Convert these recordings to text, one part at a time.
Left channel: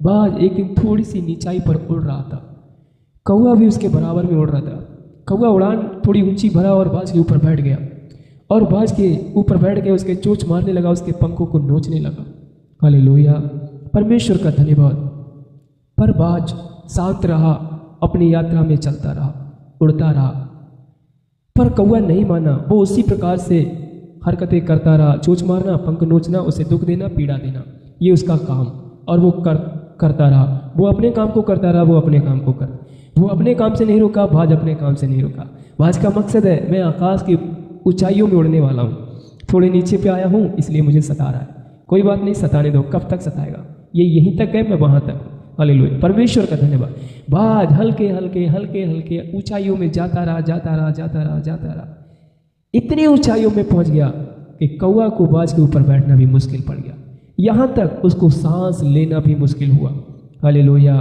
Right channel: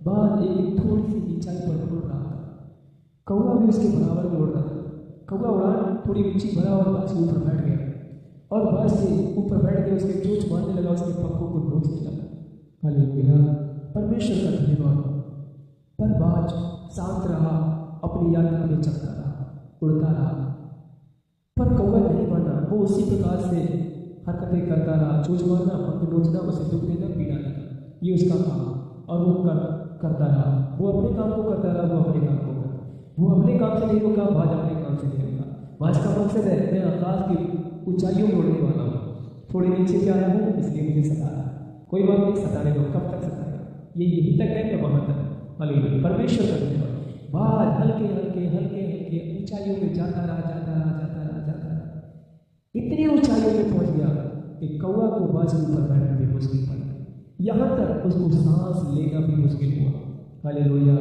बाज एक दिन थोड़ी सी नीचाई पर उड़ रहा था, कौवा भी उसके बराबर में उड़ रहा था। कौवा उड़ान थोड़ी ऊंची भरा और बाज के ऊपर बैठ गया, और बाज के ऊपर बैठ के उसके चोंच मारने लगा, उसके पंखों को नोचने लगा। हालेलुया, परमेश्वर का धन्यवाद। पर बाज शांत रहा, अपनी यात्रा में चलता रहा, उड़ता रहा। पर कौवा नहीं माना, वो उसी प्रकार से हरकतें करता रहा, चोंच मारना, पंख नोचना, उसे दुख देना, पीड़ा देना, ये उसका काम। और वो करता रहा, वो अपने काम को करता रहा, वो अपने काम को वो अपने काम से नहीं रुका, बाज अपने काम से नहीं रुका। बाज का मकसद है, मैं आकाश की ऊंचाइयों में उड़ने वाला हूँ, थोड़े नीचे पे आया हूँ इसलिए मुझे सता रहा है। कोई बात नहीं, सताने दो, कब तक सताएगा, ये यहीं तक है, मैं वहां तक। हालेलुया, परमेश्वर का धन्यवाद। बाज हल्के हल्के हल्के हल्के ऊंचाइयों में जाता रहा, जाता रहा, जाता रहा, जाता रहा, इतनी ऊंचाइयों में पहुंच गया कि कौवा को बाज के ऊपर बैठना भी मुश्किल पड़ गया, यहां तक उसको सांस लेना भी मुश्किल हुआ। हालेलुया,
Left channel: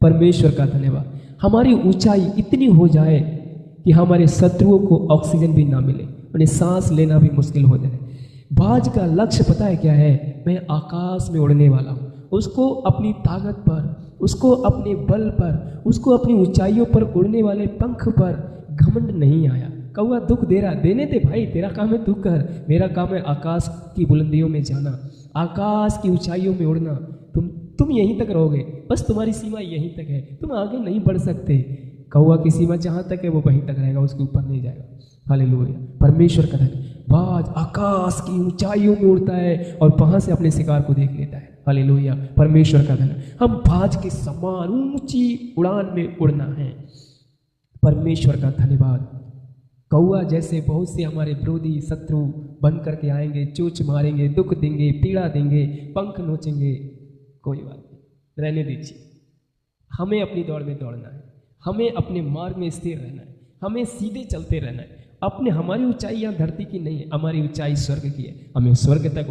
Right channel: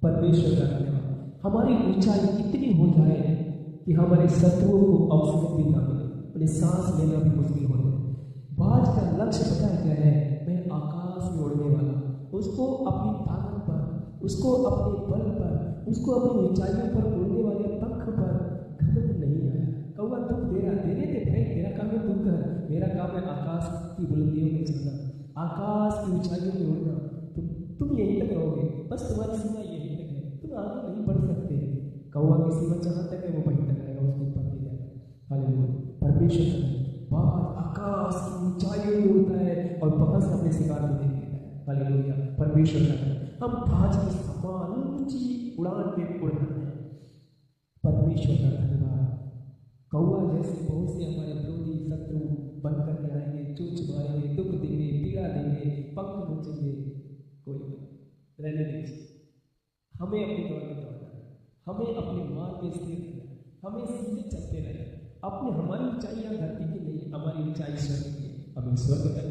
परमेश्वर का धन्यवाद। हमारी ऊंचाई इतनी हो जाए कि हमारे शत्रुओं को ऑक्सीजन भी ना मिले, उन्हें सांस लेना भी मुश्किल हो जाए। बाज का लक्ष्य पता है क्या है? मैं आकाश में उड़ने वाला हूँ। उसको अपनी ताकत पर, उसको अपने बल पर, उसको अपनी ऊंचाइयों पर उड़ने वाले पंख पर घमंड नहीं आया। कौवा दुख दे रहा, देने दे भाई, तेरा काम है दुख कर, मेरा काम है आकाश की बुलंदियों में जाना, आकाश की ऊंचाइयों में उड़ना। तुम यहीं तक रहोगे, बस तुम्हारी सीमा यहीं तक है, तुम आगे नहीं बढ़ सकते। कौवा की सीमा जहां तक है वो वहीं तक रहेगा, उसके ऊपर नहीं जाएगा। हालेलुया, परमेश्वर का धन्यवाद। बाज आकाश की ऊंचाइयों में उड़ता है और वहां से अपने शिकार को देख लेता है। हालेलुया, परमेश्वर का धन्यवाद। हम बाज के समान ऊंची उड़ान में उड़ना है। परमेश्वर का धन्यवाद। कौवा जैसे बहुत से हमारे विरोधी शत्रु बन करके आएंगे, चोंच मारेंगे, दुख देंगे, पीड़ा देंगे, पंख नोचेंगे, कोई बात नहीं, रहने दीजिए। हमें अपनी दौड़ में दौड़ना है, हमें अपने मार्ग में स्थिर रहना है, हमें सीधे चलते रहना है। हमारी ऊंचाई यहाँ धरती की नहीं है, हमारी ऊंचाई स्वर्ग की है। हमें स्वर्ग तक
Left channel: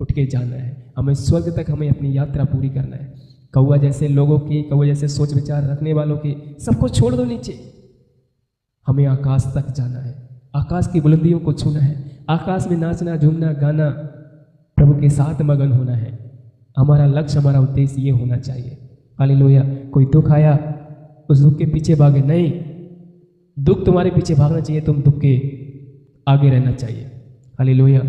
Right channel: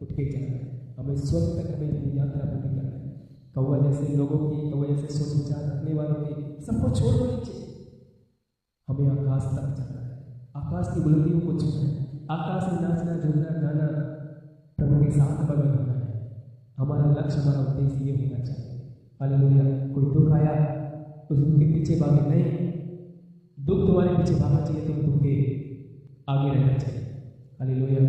उठ के जाना है, हमें स्वर्ग तक हमें अपनी यात्रा पूरी करना है। कौवा जैसे लोगों की, कौवा जैसे सोच विचार रखने वालों के सबको छोड़ दो नीचे, हमें आकाश तक जाना है, आकाश की बुलंदियों को छूना है, आकाश में नाचना, झूमना, गाना, प्रभु के साथ मगन होना है। हमारा लक्ष्य, हमारा उद्देश्य ये होना चाहिए। हालेलुया। कोई दुख आया, उस दुख के पीछे भागे नहीं, दुख तुम्हारे पीछे भागना चाहिए, तुम दुख के आगे रहना चाहिए। हालेलुया।